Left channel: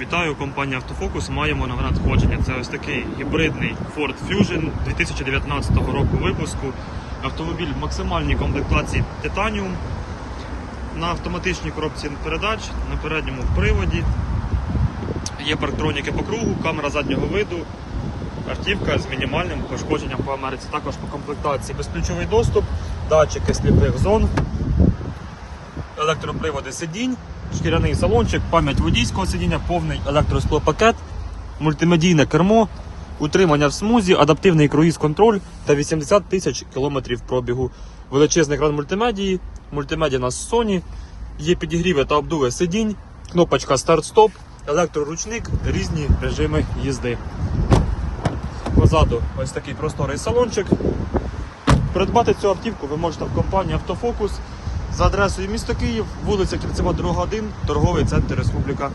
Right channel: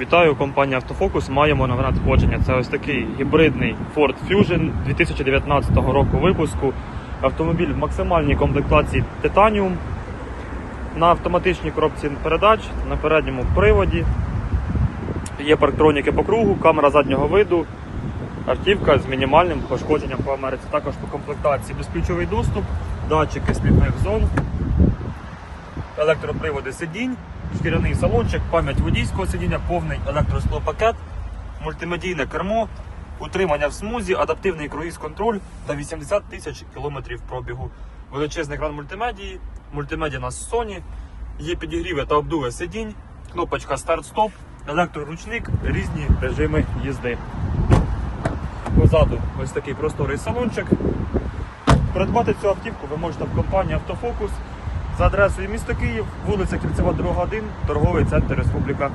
Вітаю, компанія Автофокус. Маємо нове надходження. Це ось такий гібридний Ford Fusion 2019 року випуску. Автомобіль в максимальній комплектації Titanium на автоматичній коробці передач, на передньому приводі. Є парктроніки по кругу, камера заднього виду, автівка з мінімальним пошкодженням по Америці. Також по комплектації безключовий доступ, датчики сліпих зон, електроприводи сидінь, шкіряний салончик, пам'ять водійського сидіння, повний електросклопакет, мультимедійне кермо, утримання в смузі, адаптивний круїз-контроль та 80 тисяч кілометрів пробігу. Величезний екран мультимедії, мультимедіа у нас Sony, є підігріви та обдуви сидінь, кнопочка старт-стоп, електроручник, різні режими їзди. Позаду ось такий просторий салончик. Придбати цю автівку ви можете в компанії Автофокус за адресою місто Київ, вулиця Кільцева, 2, 1, торговий центр Республіка.